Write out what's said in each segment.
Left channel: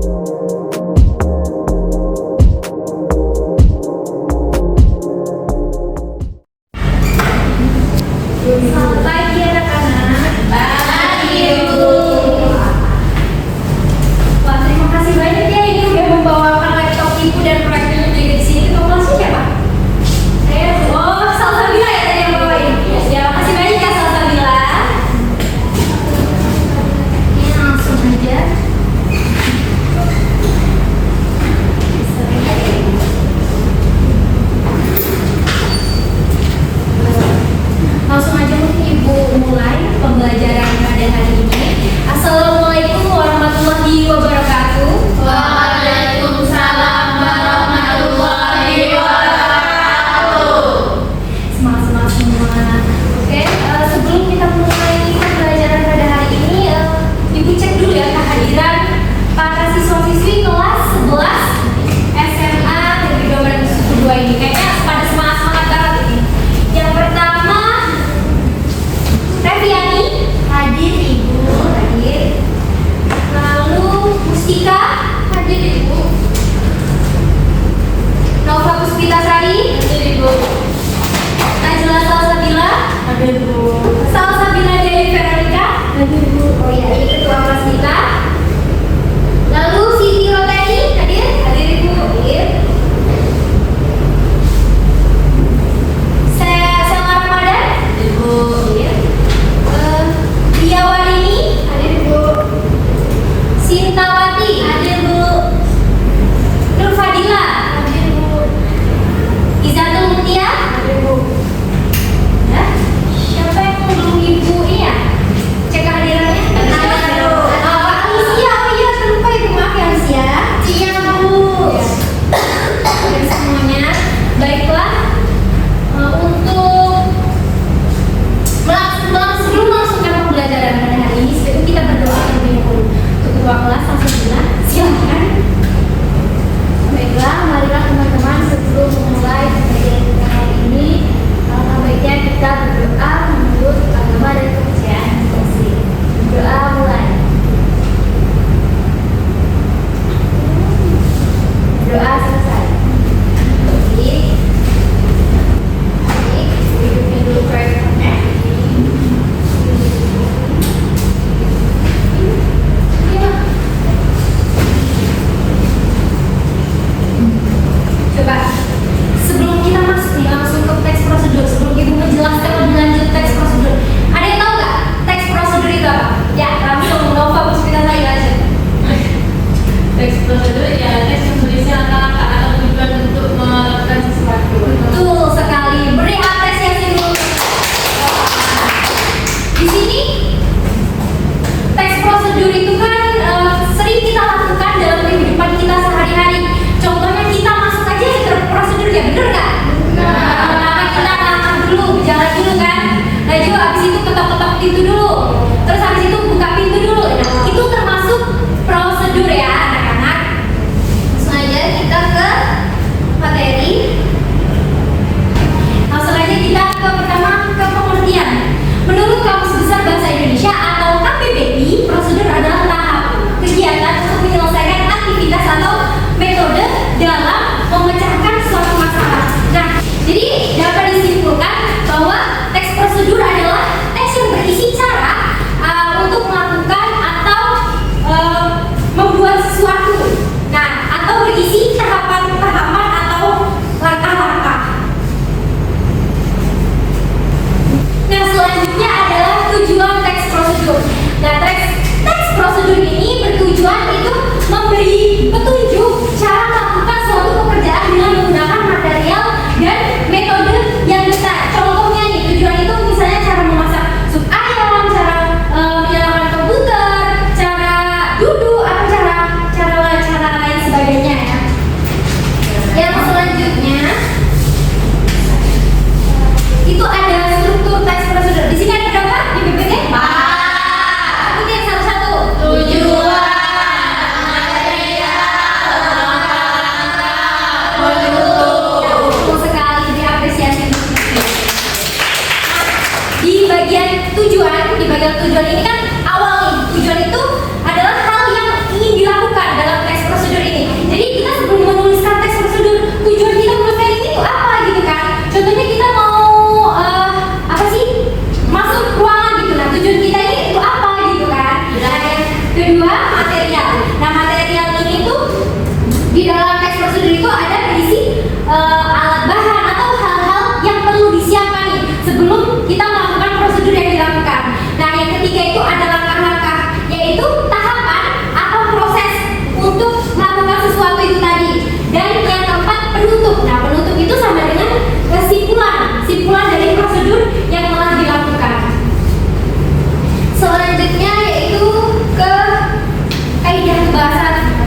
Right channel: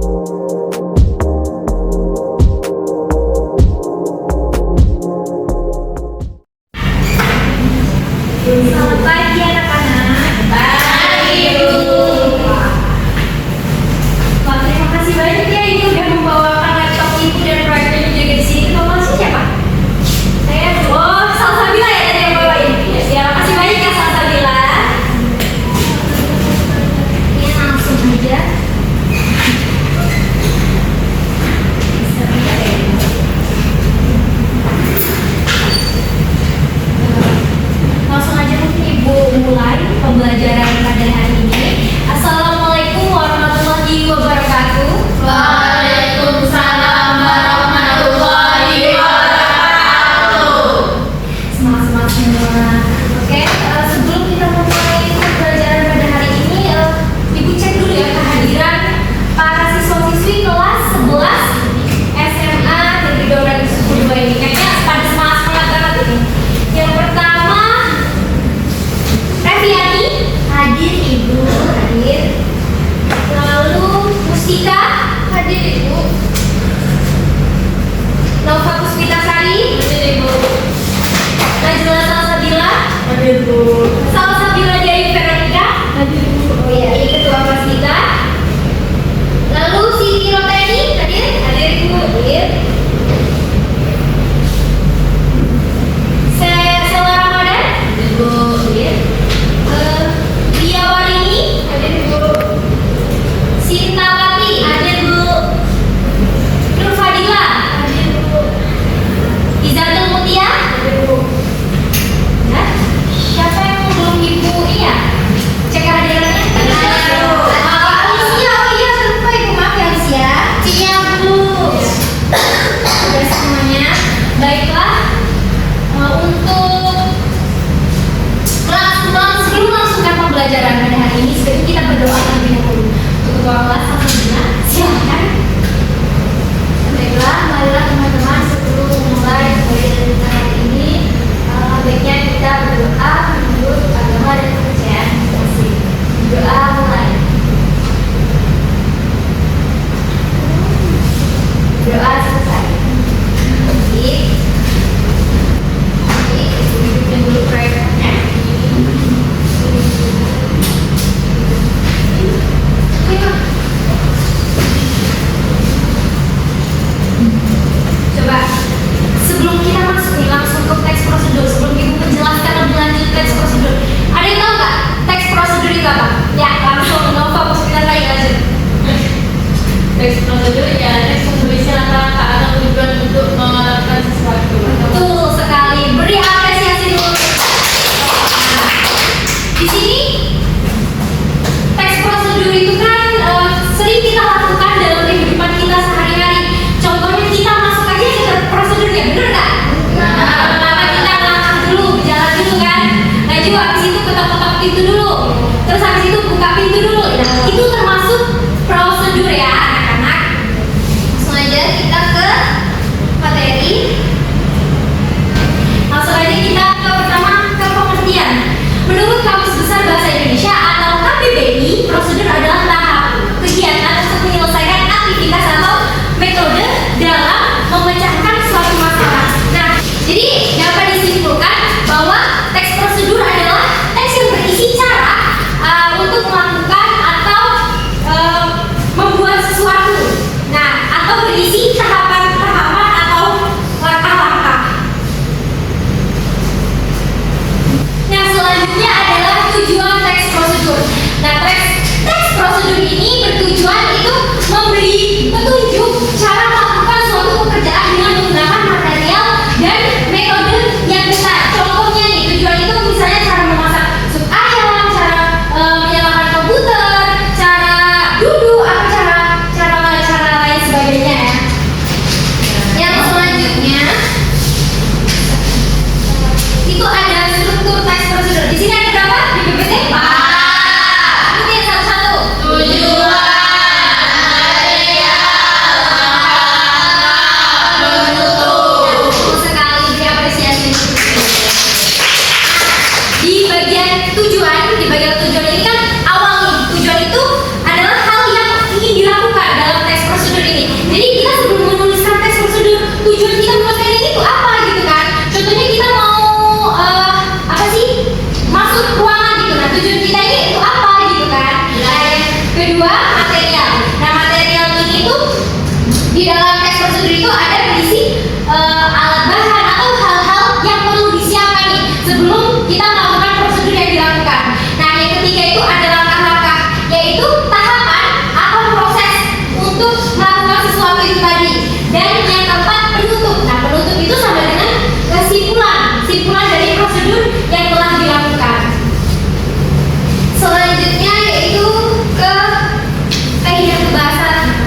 Selamat pagi anak-anak. Pagi Bu. Wah, terima kasih banyak ya ini udah membawakan laptop ibu dan proyeknya juga di sini. Kamu masih siapa? Saya. Oh, Salsabila ya tadi yang bawain. Ya, makasih banyak ya Salsabila. Ini langsung aja. Langsung aja mungkin Ibu mulai pembelajaran pada hari ini. Assalamualaikum warahmatullahi wabarakatuh. Waalaikumsalam warahmatullahi wabarakatuh. Semangat semua. Oke, sebelum kita mulai pembelajaran pada hari ini, Ibu cek dulu ya kehadiran para siswa-siswi kelas 11 SMA Negeri 12 Suku 2 ini. Kayaknya pada semangat banget ini. Yang pertama, Reviani, hadir Ibu, hadir. Lalu Mustika, hadir Ibu. Nova Puspitasari, hadir Ibu. Najla Salsabila, hadir Bu. Salsabila Dewi Veronica, hadir Bu. Oh iya, ini ketua kelas kita. Lalu Siti Roteni, hadir, hadir Ibu, hadir. Sela Ramadan, hadir Bu, hadir. Ria Warini, hadir Bu. Sintawati, hadir Bu. Nur Fadila, hadir Bu. Izatul Mutia, hadir Bu. Nah, siapa yang belum Ibu ini ya? Cek kehadirannya. Alicia, oh iya lupa Ibu, maaf ya Alicia. Iya Bu. Udah semuanya. Baiklah. Untuk sebelum melangsungkan pembelajaran pada hari ini, sebaiknya kita berdoa terlebih dahulu. Untuk ketua kelas Salsabila, silakan. Baiklah, marilah teman-teman sebelum memulai pembelajaran kita hari ini, baiknya kita berdoa menurut agama dan kepercayaan masing-masing. Doa mulai. Doa selesai. Baik. Hidupnya dulu proyeknya. Coba sebelum kita masuk nih langsung ke teks prosedur, sebelum Ibu menjelaskan lebih lanjut teks prosedur, ada yang tahu nggak teks prosedur itu apa? Ya, langsung Nova Puspitasari aja. Teks prosedur ya, teks menuliskan langkah-langkah atau tujuan untuk melakukan sesuatu. Betul sekali. Beri apresiasi dulu. Di sini teks prosedur itu kan sering kita lakukan dalam kehidupan kita sehari-hari. Contohnya kita masuk aja ke prosedurnya, bener nggak? Pertama kita langkah dulu, berjalan dulu kan. Najwa habis itu ketok-ketok pintu dulu. Terus habis itu buka pintu dulu. Nah, itu termasuk prosedur ya anak-anak. Langsung aja kita ke materi. Langsung aja kita ke pertama ke pengertian. Menurut Kamus Besar Bahasa Indonesia atau KBBI, prosedur adalah tahap kegiatan untuk menyelesaikan aktivitas atau metode dalam memecahkan suatu masalah. Nah, jadi dapat disimpulkan bahwa teks prosedur adalah teks yang berisi cara untuk melakukan atau membuat sesuatu. Nah, atau berisi tahapan-tahapan atau langkah-langkah. Nah, selanjutnya adalah tujuan teks prosedur. Nah, teks prosedur ini bertujuan itu memberi petunjuk cara melakukan suatu pekerjaan dengan menggunakan material dan metode yang benar. Contohnya nih, tujuan itu misalnya cara memasak sup ayam, cara menyalakan komputer, cara duduk, atau cara ini. Jadi kita sebelum menuliskan teks prosedur, tujuan kita menuliskan ini tuh apa gitu kan? Contohnya kita mau apa sih? Masuk ruangan gitu. Nah, tujuan kita ini itu apa gitu kan? Nah, yang kedua material. Nah, material ini tuh di dalam teks prosedur itu ada berisi alat bahan atau hal-hal yang perlu disiapkan nih sebelum kita melakukan prosedur yang dilakukan. Nah, yang ketiga itu ada langkah-langkah, yaitu tahapan atau proses untuk melakukan sesuatu itu tadi. Dan yang keempat penutup. Nah, penutup itu sama dengan kesimpulan dari prosedur yang telah dilakukan. Selanjutnya yaitu ke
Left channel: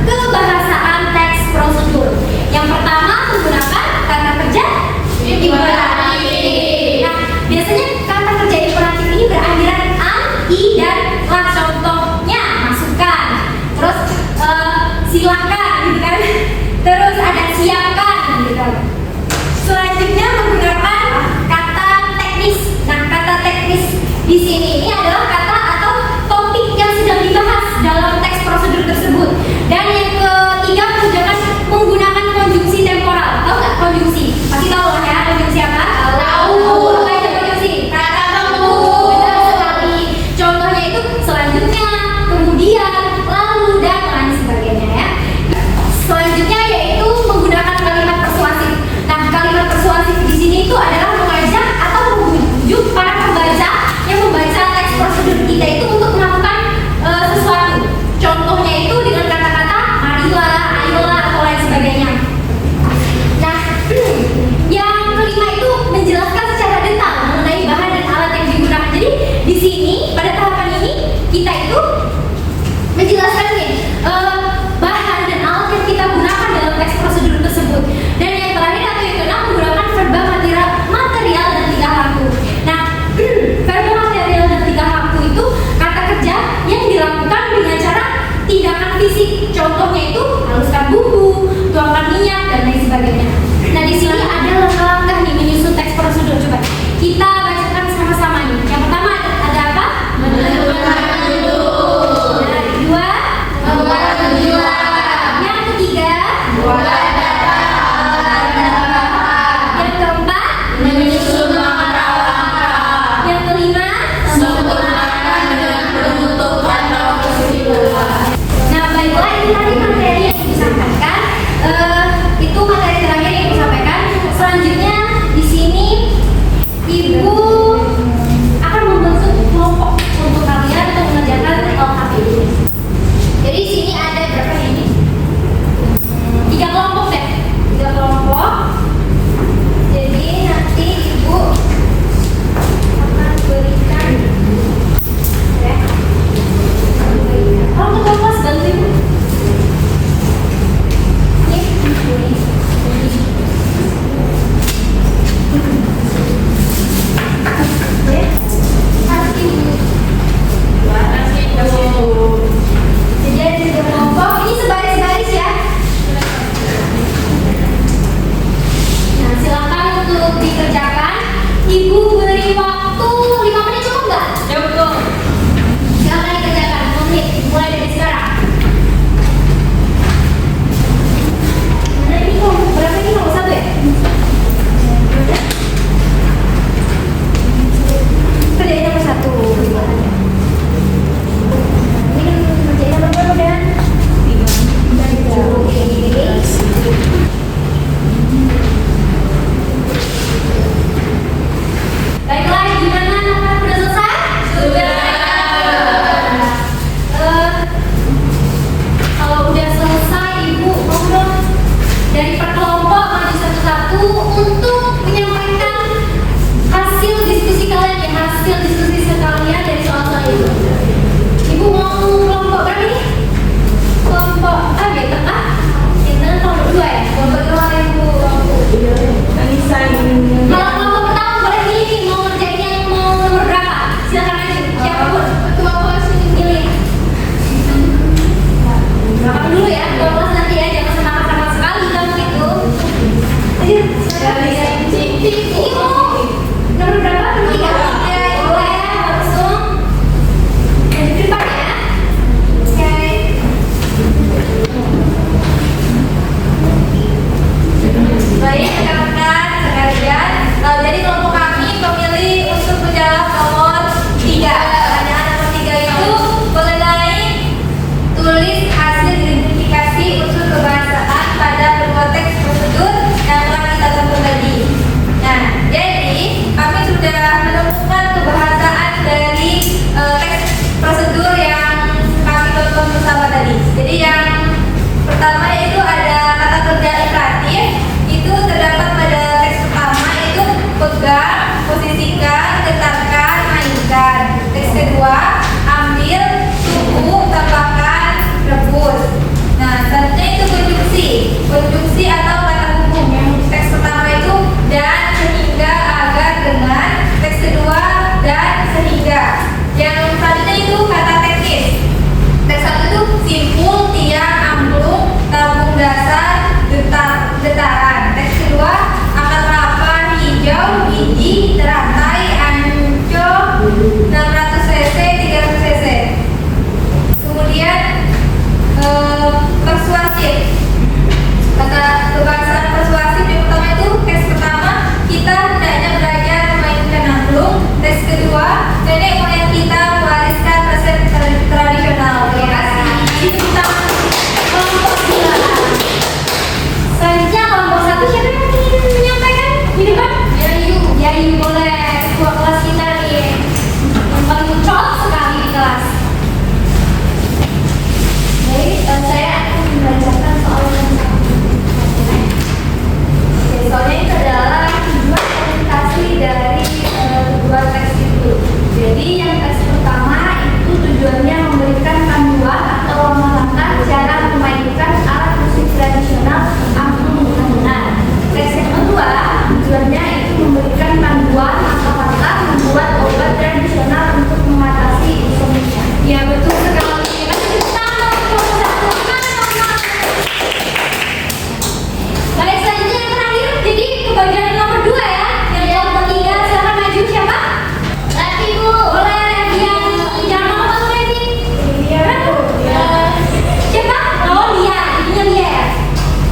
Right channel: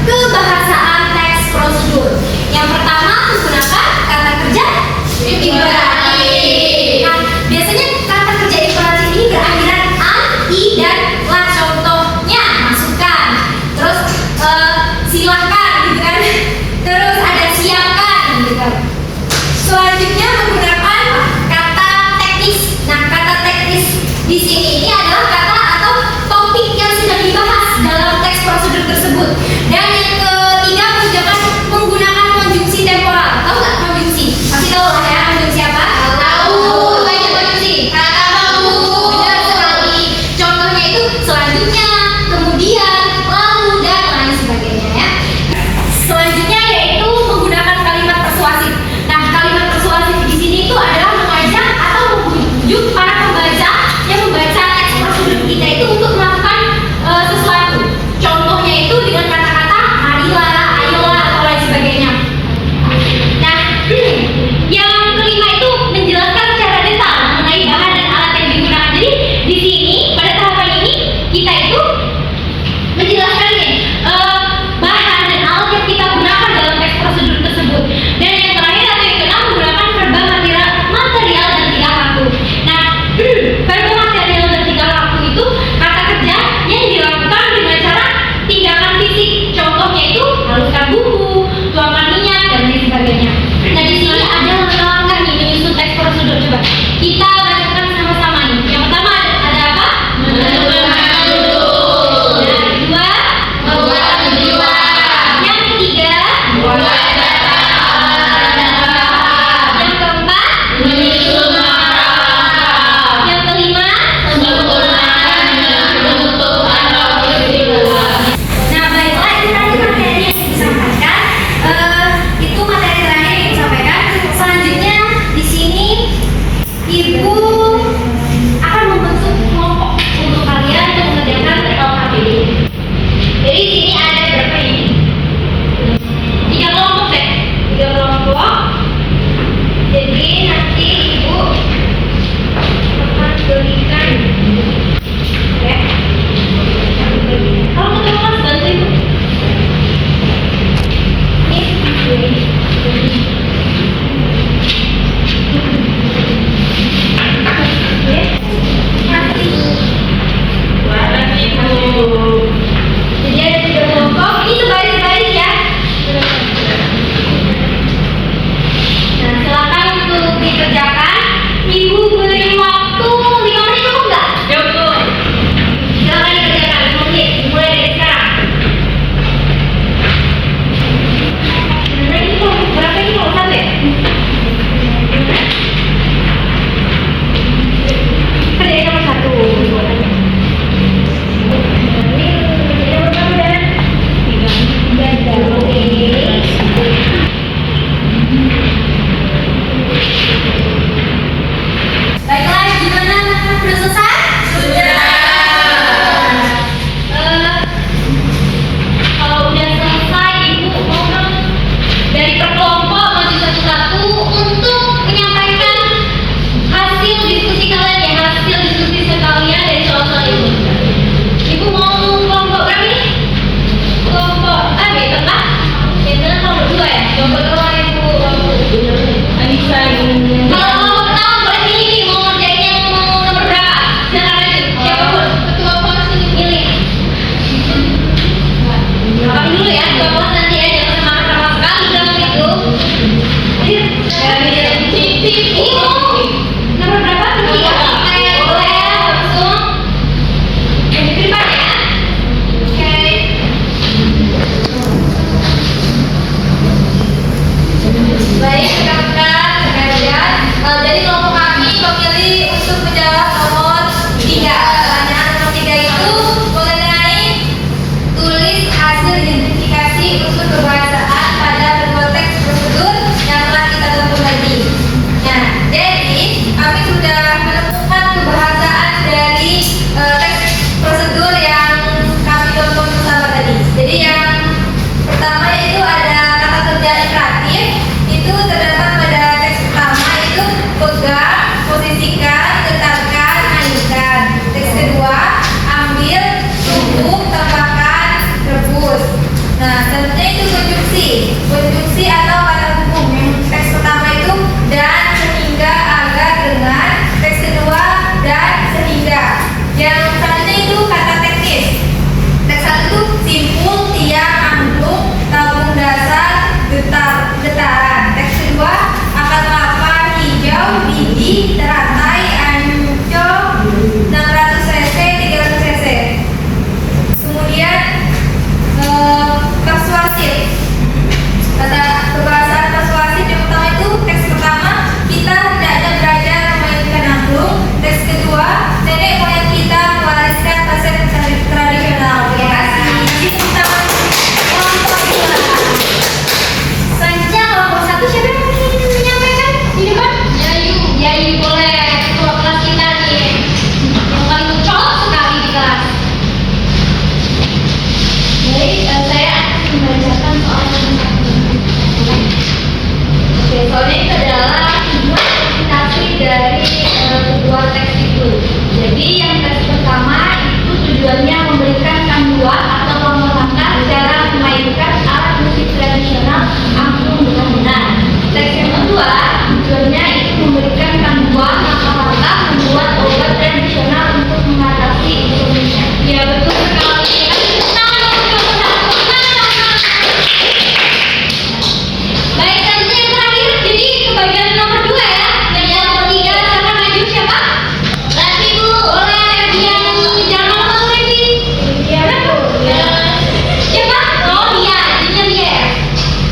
kebahasaan teks prosedur. Yang pertama menggunakan kata kerja imperatif. Nah, biasanya kata kerja imperatif ini berakhiran an, i, dan la. Contohnya masukkan, terus silahkan gitu kan, terus ada siapkan gitu kan. Selanjutnya menggunakan kata teknis. Nah, kata teknis di sini ini adalah kata atau topik yang sudah dibahas dalam teks prosedur tersebut. Dan yang ketiga menggunakan konjungsi temporal. Tahu nggak konjungsi? Pasti tahu lah ya, konjungsi apa? Tahu. Apa itu konjungsi? Kata perlu. Benar sekali. Contohnya itu selanjutnya, kemudian, lalu, dan lain sebagainya ya. Selanjutnya yaitu menggunakan kalimat persuasif. Nah, kalimat persuasif di sini itu adalah mengajak atau membujuk para pembaca yang membaca teks prosedur kita itu untuk melakukan sesuatu. Contohnya itu dengan kata-kata marilah, ayolah, atau lain sebagainya. Nah, yang kelima itu menjelaskan secara detail mengenai bahan dan alat yang digunakan. Jadi di sini pada tahapan ini kita itu menjelaskan nih bahan dan alat yang kita gunakan dalam teks prosedur tersebut. Dan yang terakhir atau yang keenam menggunakan verba material dan tingkah laku. Nah, verba material dan tingkah laku itu kata kerja yang dilakukan dengan cara tindakan fisik. Contohnya itu haluskan bumbu, tuangkan minyak, dan lain sebagainya. Nah, di sini ada langkah-langkah nih menyusun teks prosedur. Coba kita bacakan sama-sama nih. Yang pertama ada apa? Menentukan judul. Yang kedua, membuat tujuan. Yang ketiga, mulai data. Yang keempat, menyusun langkah-langkah. Yang kelima, sempurnakan dengan penutup atau kesimpulan. Nah, baiklah, itu tadi materi yang disampaikan. Itu materi terakhir yang disampaikan. Selanjutnya soalnya itu adalah tujuan implementasi dari kedua teks itu. Jadi yang teks pertama itu tujuannya memberikan panduan atau langkah-langkah cara memainkan alat musik tradisional angklung dengan benar. Teks yang kedua tujuannya itu memberikan panduan langkah-langkah membuat obat tradisional untuk mengatasi insomnia. Ya betul sekali. Baik, selanjutnya yang terakhir, jadi ke bagian nomor 2 ya. Yang nomor 3 silakan maju siapa? Rati Bu. Boleh yang jangan lupa Rati. Iya betul. Siapa? Oh Lia, ini Lia ya.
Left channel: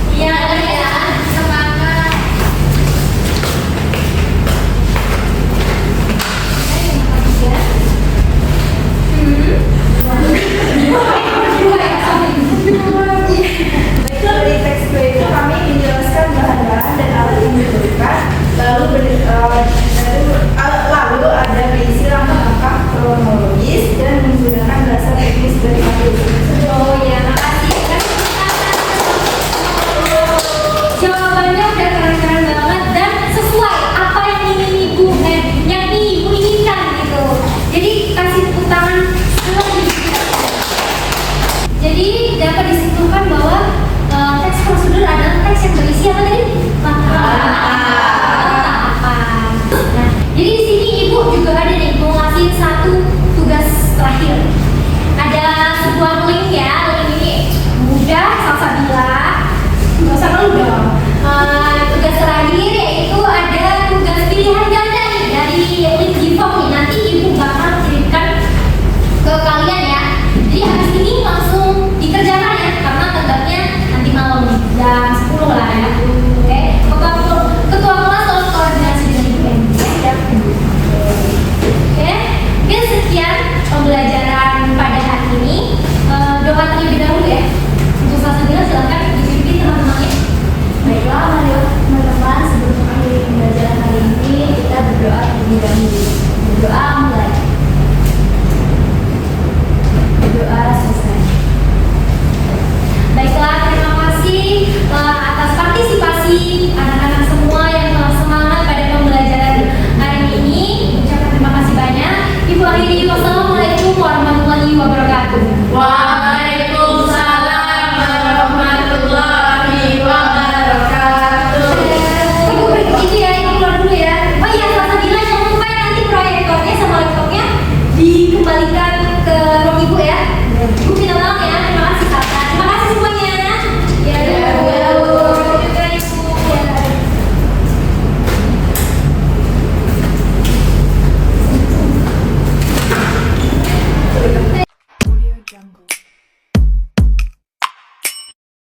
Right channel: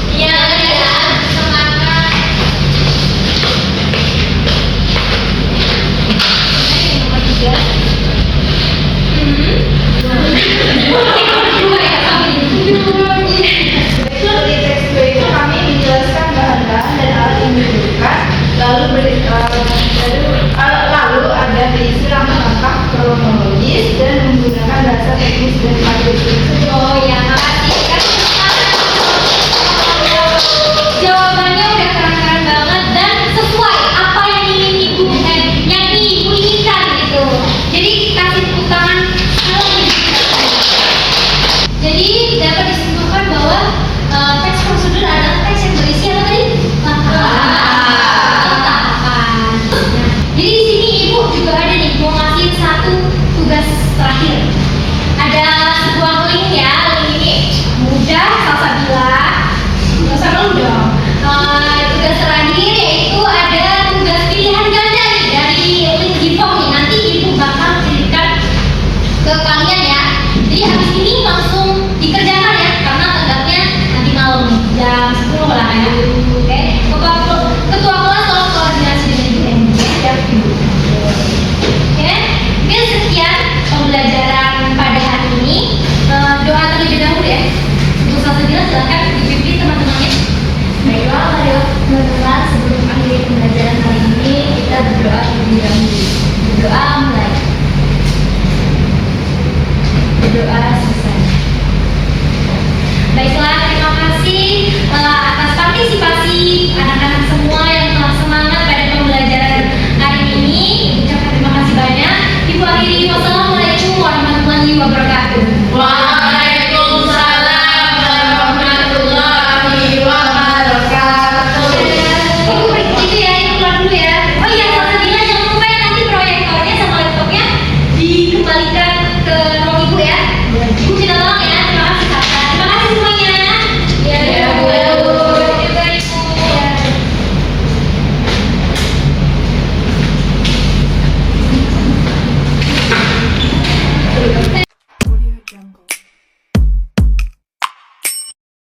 Iya Lia, semangat. Yang nomor 3. Dua ya, sampai Di teks 2 itu kami menjelaskan bahan-bahan dan alat yang diperlukan, lalu ada berisi langkah-langkah kronologis dan menggunakan bahasa teknis dan matematis. Oh ya, makasih kan. Jawabannya udah keren-keren banget dan sesuai apa yang ingin ibu inginkan gitu. Jadi kasih tepuk tangan kalau jadi dapat disimpulkan bahwa teks prosedur adalah teks yang berisi apa tadi? Tahapan. Nah, jadi di sini ibu juga ada nih mau ngasih satu tugas terakhir. Ada sebuah link ya, link ini mudah, salsabila, nggak usah malu dong.